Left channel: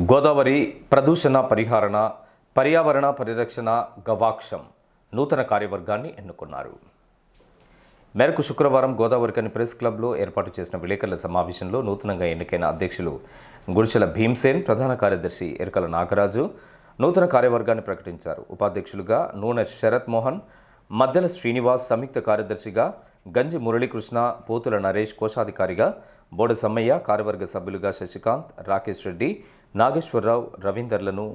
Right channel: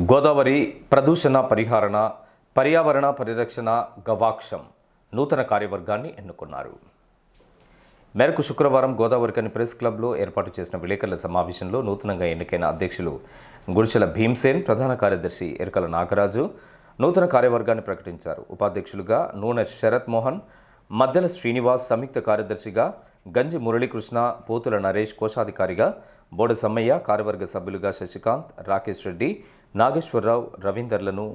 గోదావరి ప్రదూషణ పరిహారణ పర్యావరణ పరిరక్షణ గవాక్షం నూతన కార్యవర్గాన్ని ఎన్నుకున్నారు. మేరకు శుక్రవారం గోదావరికని ప్రెస్ క్లబ్లో ఏర్పాటు చేసిన విలేకరుల సమావేశంలో నూతనంగా ఎన్నికైన అధ్యక్షులు గుడిసెల భీమ్సేన్ ప్రధాన కార్యదర్శి ఎరకల నాగరాజు నూతన కార్యవర్గాన్ని ప్రకటించారు. ఉపాధ్యక్షులుగా నూనె శరత్ మోహన్ మద్దెల శ్రీనివాస్ సంయుక్త కార్యదర్శిగా గంజి మురళీకృష్ణ పోతుల నరేష్ కోశాధికారిగా బోడ సమ్మయ్య కార్యవర్గ సభ్యులుగా శశికాంత్ రాకేష్ రెడ్డి నాగేశ్వరరావు రవీందర్లను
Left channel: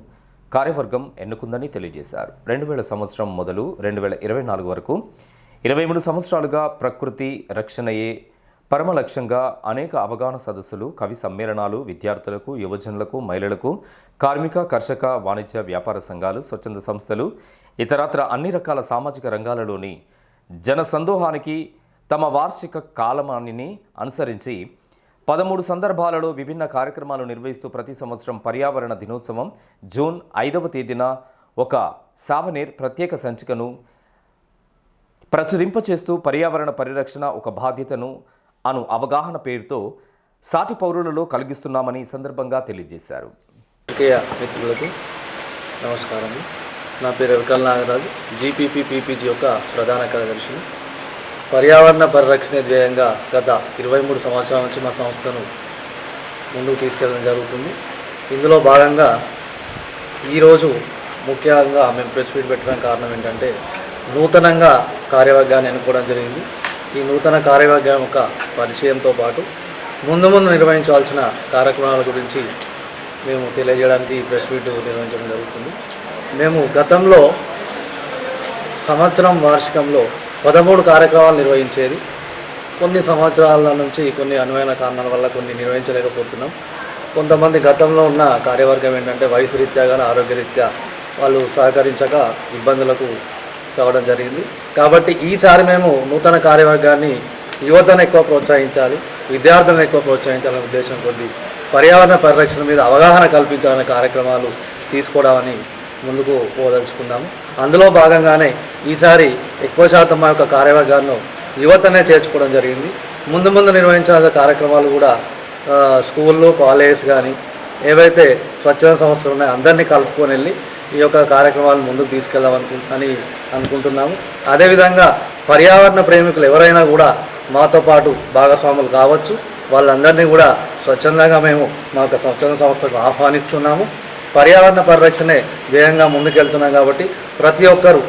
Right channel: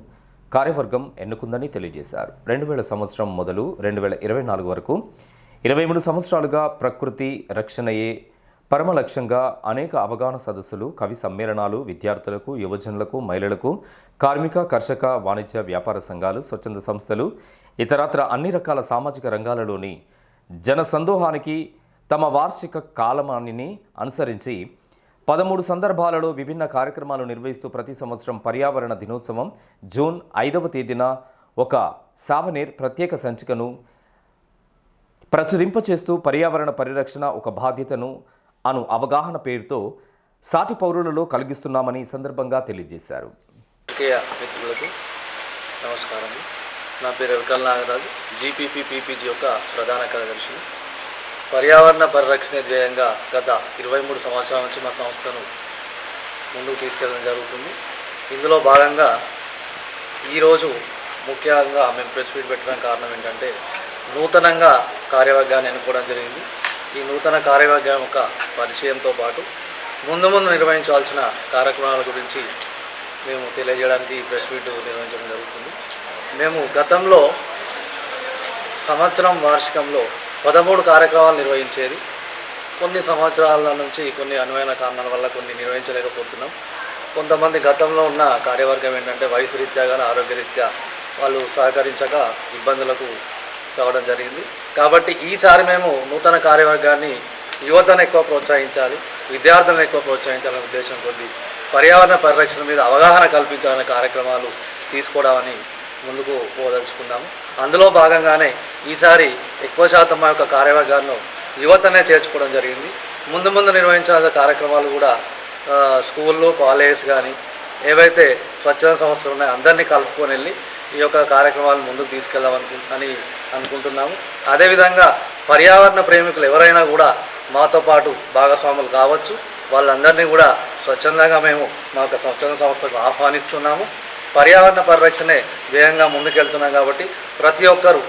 కార్యవర్గం ఎన్నుకుందని తెలియజేశారు. రెండు వేల సంవత్సరం మొదలు రెండు వేల ఇరవై నాలుగు వరకు ఇరవై మూడు సంవత్సరాలుగా ప్రకృతి రక్షణయే పరమ లక్ష్యంగా అనేక అవగాహన సదస్సులు కవి సమ్మేళనాలు విద్యార్థులకు యువజనులకు మహిళలకు కార్మిక కర్షక వాణిజ్య వ్యాపార సంఘాలు స్వచ్ఛంద సంస్థలు ఇతరత్ర అన్ని రకాల సామాజిక రంగాలలోని జన సందోహానికి తమ వార్షిక కాలమానిని అనుసరించి పదమూడు సందర్భాలలో విభిన్న కార్యక్రమాలు నిర్వహిస్తూ ప్రతి సంవత్సరం పర్యావరణ దినోత్సవం. జూన్ ఐదవ తేదీన ఒక సావనీర్ ప్రత్యేక సంచికను ప్రచురింపచేస్తూ పర్యావరణ పరిరక్షణ ఒక బాధ్యతను అను అవగాహన పేరుతో సాటి పౌరులలో కలిగిస్తున్నామని సందర్భంగా తెలియజేశారు. మిత్రులకు నమస్కారం నా పేరు ఎరకల్ నాగరాజు. జీపీపీ పీపీజీ యొక్క ప్రధాన కార్యదర్శిని. పర్యావరణ పరిరక్షణ ధ్యేయంగా గత ఇరవై మూడు సంవత్సరాల నుంచి మా సంస్థను ముందుకు తీసుకెళ్ళడం జరుగుతుంది. ఇందులో భాగంగా ఈరోజు ముఖ్యంగా మేము ప్రెస్ మీట్ పెట్టడం కారణం ఏంటంటే నూతనంగా కార్యవర్గాన్ని ఎన్నుకోవడం జరిగింది. ఈ నూతన కార్యవర్గం యొక్క పరిచయంతో పాటు ముందు ముందు నిర్వహించాల్సిన కార్యక్రమాల గురించి మేము తెలియజేయడానికి ఈ ప్రెస్ మీట్ నిర్వహించడం జరుగుతుంది. మేము గతంలో సంవత్సరం వార్షికంలో పదమూడు కార్యక్రమాలు నిర్వహించేది. కొన్ని సంవత్సరాల నుంచి కొన్ని అనువైన కారణాల వల్ల కొన్ని నిర్వహించలేకపోతున్నాం. కొంతమంది గతంలో ఉన్న కార్యవర్గం ఏంటంటే వయసు రీత్యా కానీ ఆరోగ్యరీత్యా వాళ్ళు సహకరించక ఇబ్బందులకు కావడం జరిగింది. కాబట్టి ఈసారి మేము నూతన కార్యవర్గాన్ని యువతను ఎక్కువ ప్రోత్సహించాలి విద్యార్థులను ఎక్కువ ప్రోత్సహించాలనే ఉద్దేశం కొద్ది పర్యావరణ పరిరక్షణ మీద అవగాహన కల్పించాలనే కార్యక్రమాలు తీసుకోవడామని ముందుకు పోదలుచుకున్నాము. అందులో భాగంగానే ఈసారి ఎక్కువ శాతం మా యొక్క కార్యవర్గాన్ని యువతనే చేర్చుకోవడం జరిగింది. ముందు ముందు నిర్వహించాల్సిన కార్యక్రమాలు కూడా స్కూళ్ళు కాలేజెస్ కానీ ఏవైతే స్వచ్ఛంద సంస్థలు ఉన్నాయో అందరినీ కలుపుకొని వెళ్ళి ఈ యొక్క కార్యక్రమాలు ముందుకు తీసుకెళ్దాం అనుకు అని అనుకుంటున్నాము. అదేవిధంగా పర్యావరణ ప్రేమికులు ఎవరైనా కూడా మాతో పాటు భాగస్వాములు కావచ్చు. వాళ్ళందరినీ కూడా స్వచ్ఛందంగా మేము మా యొక్క స్వచ్ఛంద సంస్థకు ఆహ్వానిస్తున్నాము. పర్యావరణ పరిరక్షణే ధ్యేయంగా ముందుకెళ్తున్నాం కాబట్టి ప్రతి ఒక్కరు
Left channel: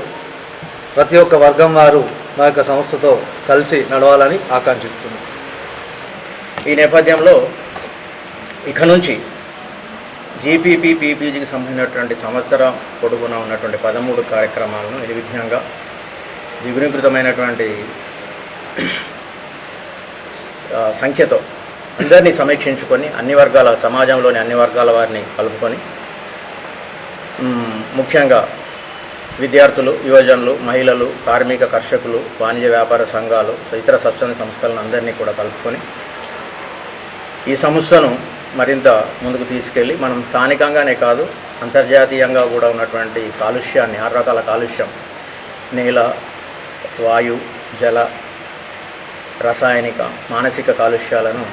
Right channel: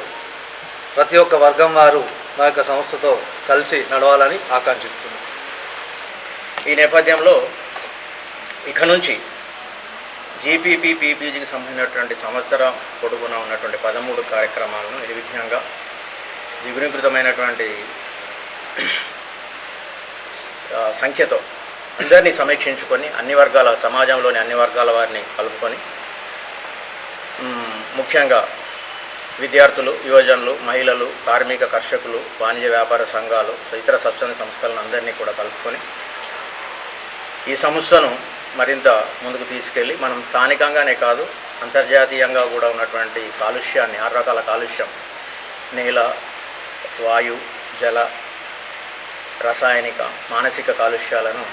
ప్రతి ఒక్క వర్గం వారు మా యొక్క సంస్థతో కలిసి నడవాలని ఆకాంక్షిస్తున్నాం. ఈ నేపథ్యంలో ఇక నుంచి జీపీపీ పీపీజీకి సంబంధించినటువంటి సంవత్సరం పొడుగున ఉన్నటువంటి పదమూడు కార్యక్రమాలను నిర్విఘ్నంగా ద్విగుణీకృతమైనటువంటి సంఖ్యతో అందరినీ సమీక్షించుకొని అన్ని వర్గాల సమాజంలోని అన్ని వర్గాల వారిని కలుపుకొని ముఖ్యంగా విద్యార్థులు యువజనులు మహిళలు కార్మిక కర్షకులు వాణిజ్య వ్యాపార సంఘాలు ఇతర స్వచ్ఛంద సంస్థలను అందరినీ కూడా కలుపుకొని ఈ సంస్థను మరింత ముందుకు తీసుకెళ్ళి మనం స్థానికంగానే కాదు అంతర్జాతీయంగా కూడా ఉన్నటువంటి కాలుష్యాన్ని ఆరు రకాల కాలుష్యం నేల వాయు జల రసాయనిక మానసిక కాలుష్యాలను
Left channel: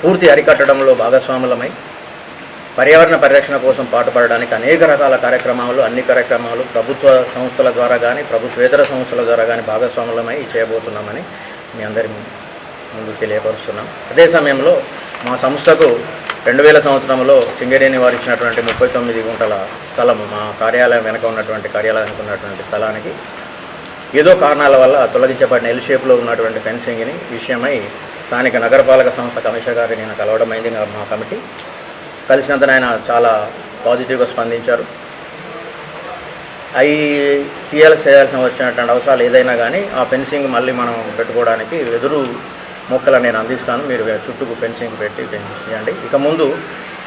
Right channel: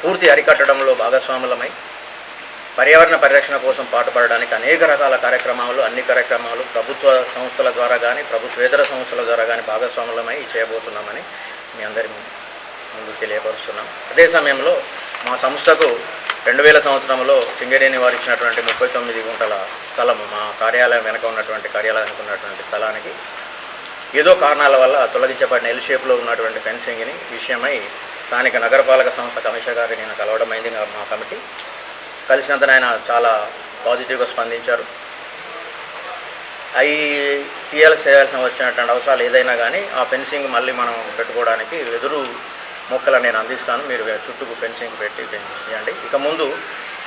పూర్తి అరికట్టడంలో భాగస్వాములమై పర్యావరణ పరిరక్షణ కోసం పాటుపడడానికి అనేక రకాల కార్యక్రమాలు అన్ని కార్యక్రమాలు ప్రభుత్వ సంస్థల ద్వారా కానీ ప్రభుత్వేతర సంస్థల ద్వారా కానీ భాగస్వాములమై చేయబోతున్నామని మీ అందరి ముందు తెలియపరుస్తున్నాం. అదే సమయంలో మా సంస్థకు రెండు వేల సంవత్సరంలో సింగరేణి వారు ఇచ్చినటువంటి ముప్పై తొమ్మిది గుంటల స్థలము మా కార్యాలయం వెనక ఉన్నటువంటి కార్యాలయానికి ఉన్నటువంటి స్థలానికి ఏదో కారణాల వల్ల తొలగించబడిన ఎల్ షేప్లో ఉన్నటువంటి ఫెన్సింగ్ని విషయమై స్థానిక నగరపాలక సంస్థ కమిషనర్ గారిని నేను కలవడం అయింది. మా కమిటీ కలిసినంత ఆయన చాలా పాజిటివ్గా స్పందించారు. అవి తీయాలి చేయాల్సిన వచ్చినటువంటి అవసరాలు ఏదైనా కానీ ఆ ఫెన్సింగ్ మళ్ళీ మనం పెట్టుకోవడానికి ఎదురు మొక్కలు నేను అందిస్తాను. మీరు చుట్టూ ఫెన్సింగ్ పెట్టి పెంచేయండి చేయండి ఇక ముందు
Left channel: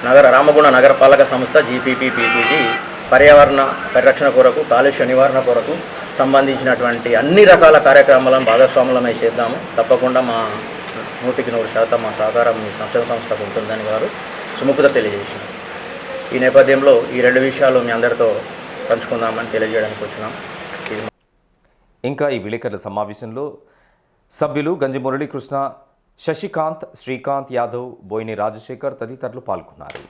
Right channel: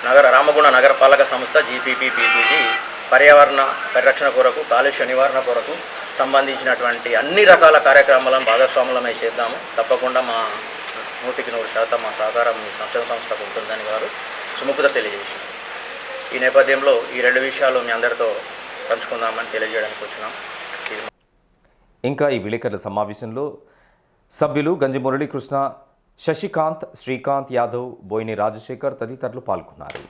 నగర రామగుణ నగరపాలక సంస్థ జీపీపీ పర్యావరణ పరిరక్షణ కొరకు కాలుష్య నివారణ కొరకు సంబంధించినటువంటి అన్ని రకాల కార్యక్రమాలను భాగస్వాములమై చేద్దాము. తప్పకుండా మా నూటికి నూరు శాతం మా సహకారం మీ సంక్షేమ సంస్థకు ఉంటుందని వారు సుముఖత తెలియజేసింది ఈ నేపథ్యంలో ఈ రెండు విషయాలు మీ అందరితో పంచుకుందామని తెలియజేయడానికి వచ్చినాం. ఇంకా ఈ విలేకరుల సమావేశంలో సభ్యులు గంజి మురళీకృష్ణ శశికాంత్ శ్రీకాంత్ యాదవ్ బోయిని రాజశేఖర్ తదితరులు పాల్గొన్నారు.